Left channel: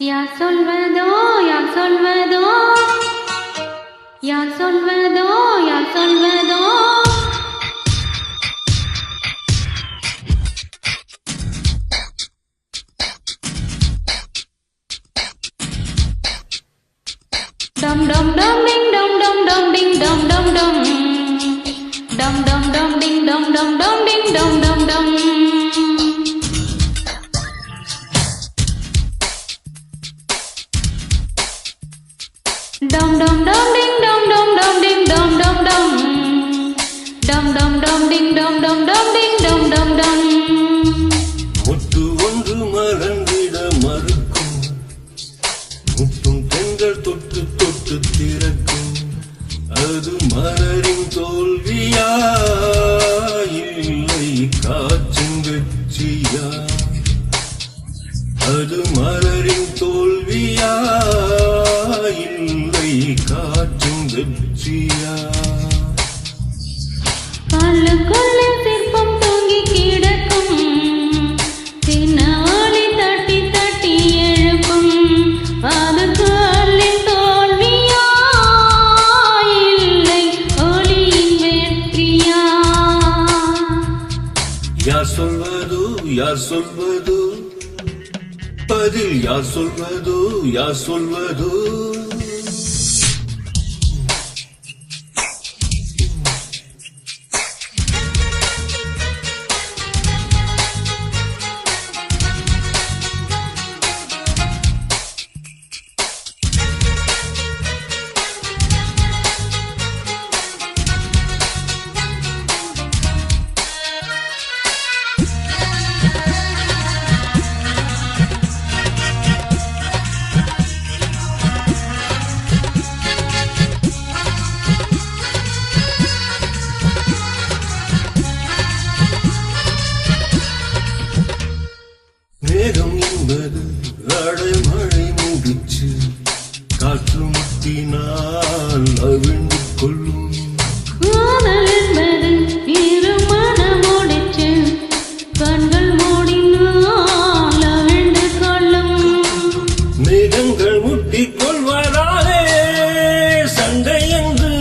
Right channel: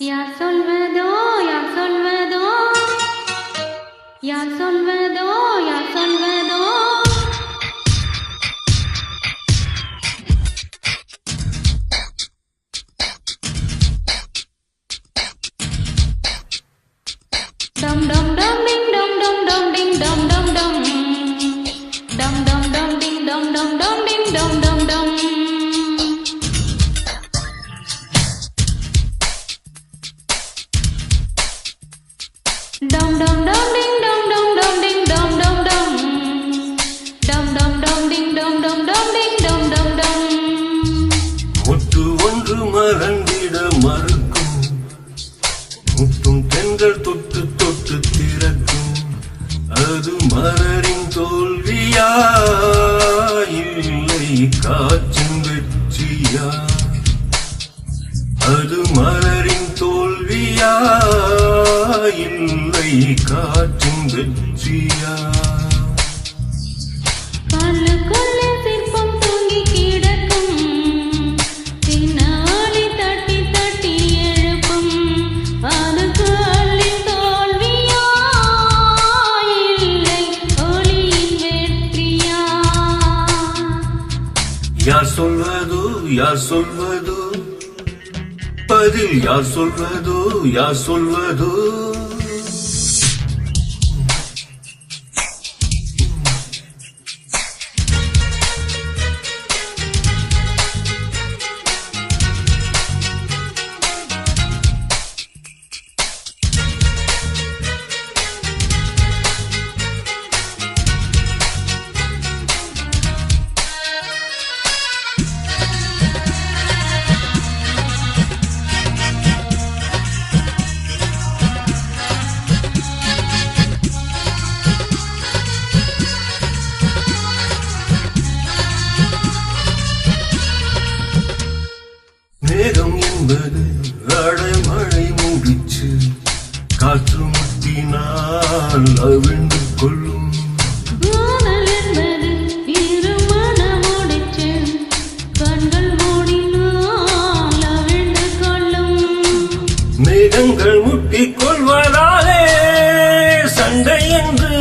யார் சொல்வதோ யார் சொல்வதோ யார் சொல்வதோ யார் சொல்வதோ டம் டம் டம் டிங் டம் டம் டம் டிங் டம் டம் டம் டம் டம் டம் டிங் டம் டம் டம் டிங் டம் டம் டம் dum dum dum ding dum dum dum ding dum dum dum dum dum dum ding dum dum dum ding dum dum dum முட்டு ஒன்று மறந்திட மறுக்கும் முட்டும் தென்றல் தொட்டு தொட்டு திறக்கும் அது மலரின் தோல்வியா இல்லை காற்றின் வெற்றியா அது மலரின் தோல்வியா இல்லை காற்றின் வெற்றியா கல்லுக்குள்ள சிற்பம் தூங்கி கிடக்கும் தினவழி தட்டி தட்டி எழுப்பும் அது கல்லின் தோல்வியா இல்லை ஒளியின் வெற்றியா யார் சொல்வதோ யார் சொல்வதோ பதில் யார் சொல்வதோ யார் சொல்வதோ மேகம் என்பது அடைமழை முடிச்சு காற்று முட்டினால் அவிழ்ந்து கொள்ளும் காதல் என்பது இருமண முடிச்சு கண்கள் மூடினால் அவிழ்ந்து கொள்ளும் மேகங்கள் முட்டிக் கொள்வதாலே சண்டை என்று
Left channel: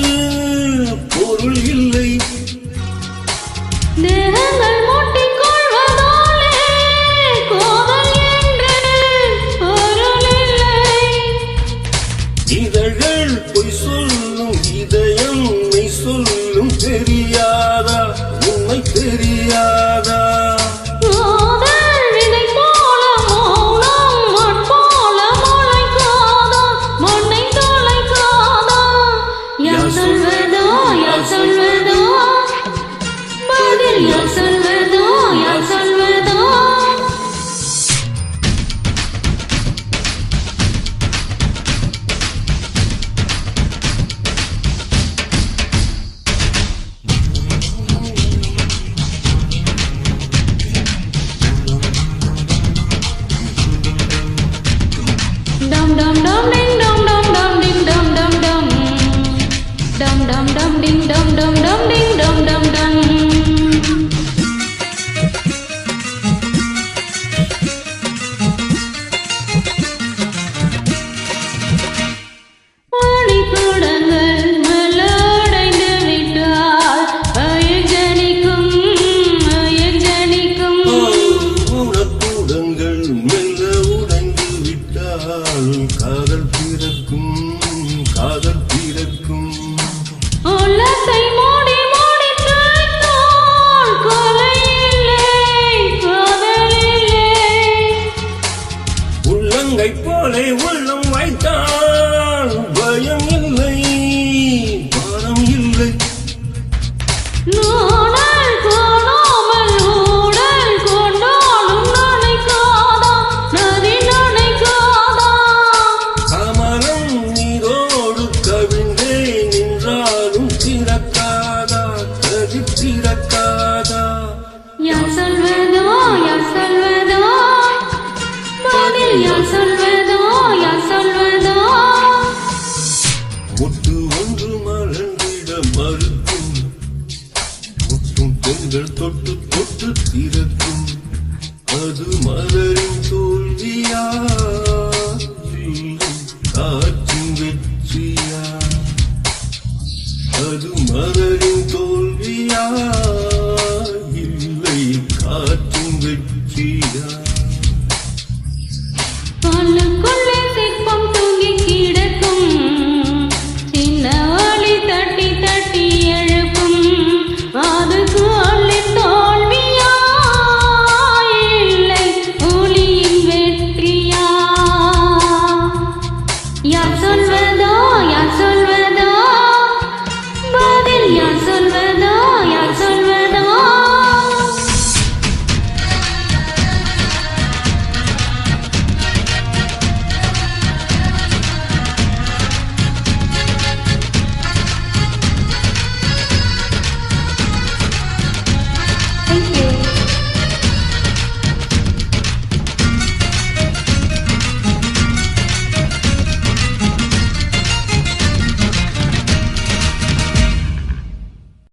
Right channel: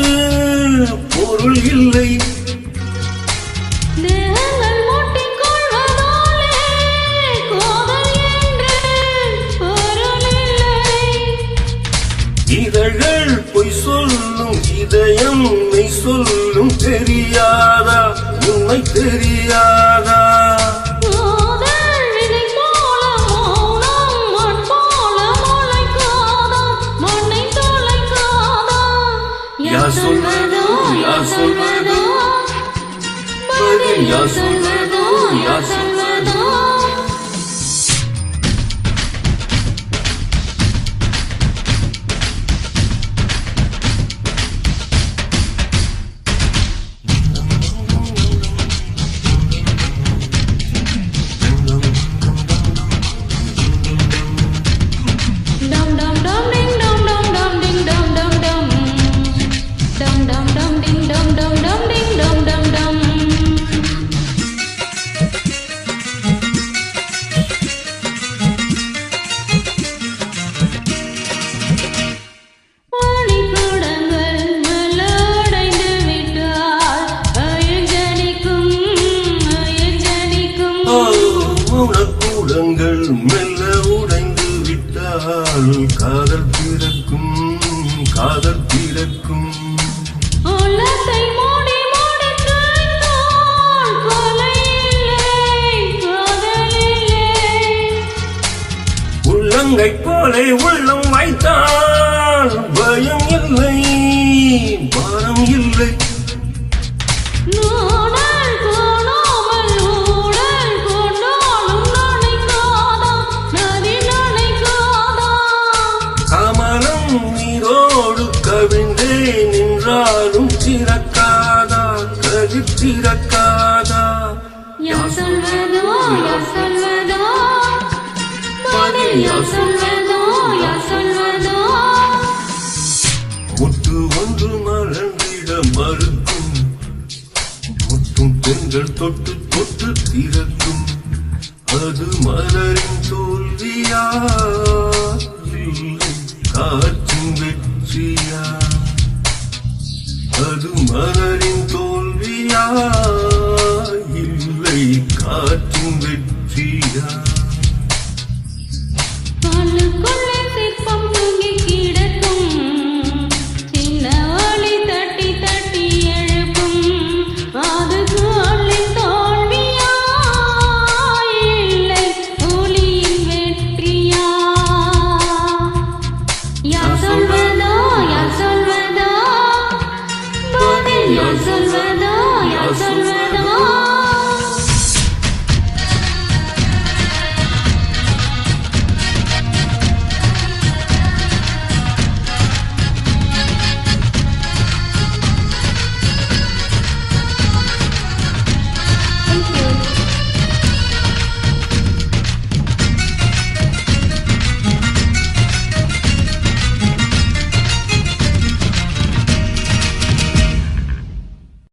பொருள் இல்லை தேகங்கள் மூட்டிக் கொள்வதாலே காதல் என்று பொருள் இல்லை இதழ்கள் பொய் சொல்லும் இதயம் மெய் சொல்லும் தெரியாதா உண்மை தெரியாதா காதல் விதை போல மௌனம் மண் போல முளைக்காதா மண்ணை தொலைக்காதா யார் சொல்வதோ யார் சொல்வதோ பதில் யார் சொல்வதோ யார் சொல்வதோ dum dum dum ding dum dum dum ding dum dum dum dum dum dum ding dum dum dum ding dum dum dum மணிக்கூடங்கள் மலடைந்து விட்டால் அயஞ்சனிக்கும் அயஞ்சனிக்கும் மௌனக்கூடங்கள் மெல்ல உடைந்து விட்டால் காதல் பிறக்கும் காதல் பிறக்கும் உள்ளத்தை மூடி மூடி தேய்த்தால் கொலை இல்லை காதல் இல்லை உள்ளங்கை போலே உள்ளம் வைத்தால் பயம் இல்லை பாரம் இல்லை நாணல் காணாமல் ஊடல் கொண்டாலும் நினைக்காதா நதி நினைக்காதா கமலம் நீரோடு கவிழ்ந்தே நின்றாலும் திறக்காதா கதி திறக்காதா யார் சொல்வதோ யார் சொல்வதோ பதில் யார் சொல்வதோ யார் சொல்வதோ முட்டு ஒன்று மறந்திட மறுக்கும் முட்டும் தென்றல் தொட்டு தொட்டு திறக்கும் அது மலரின் தோல்வியா வெற்றியா அது மலரின் தோல்வியா இல்லை காற்றின் வெற்றியா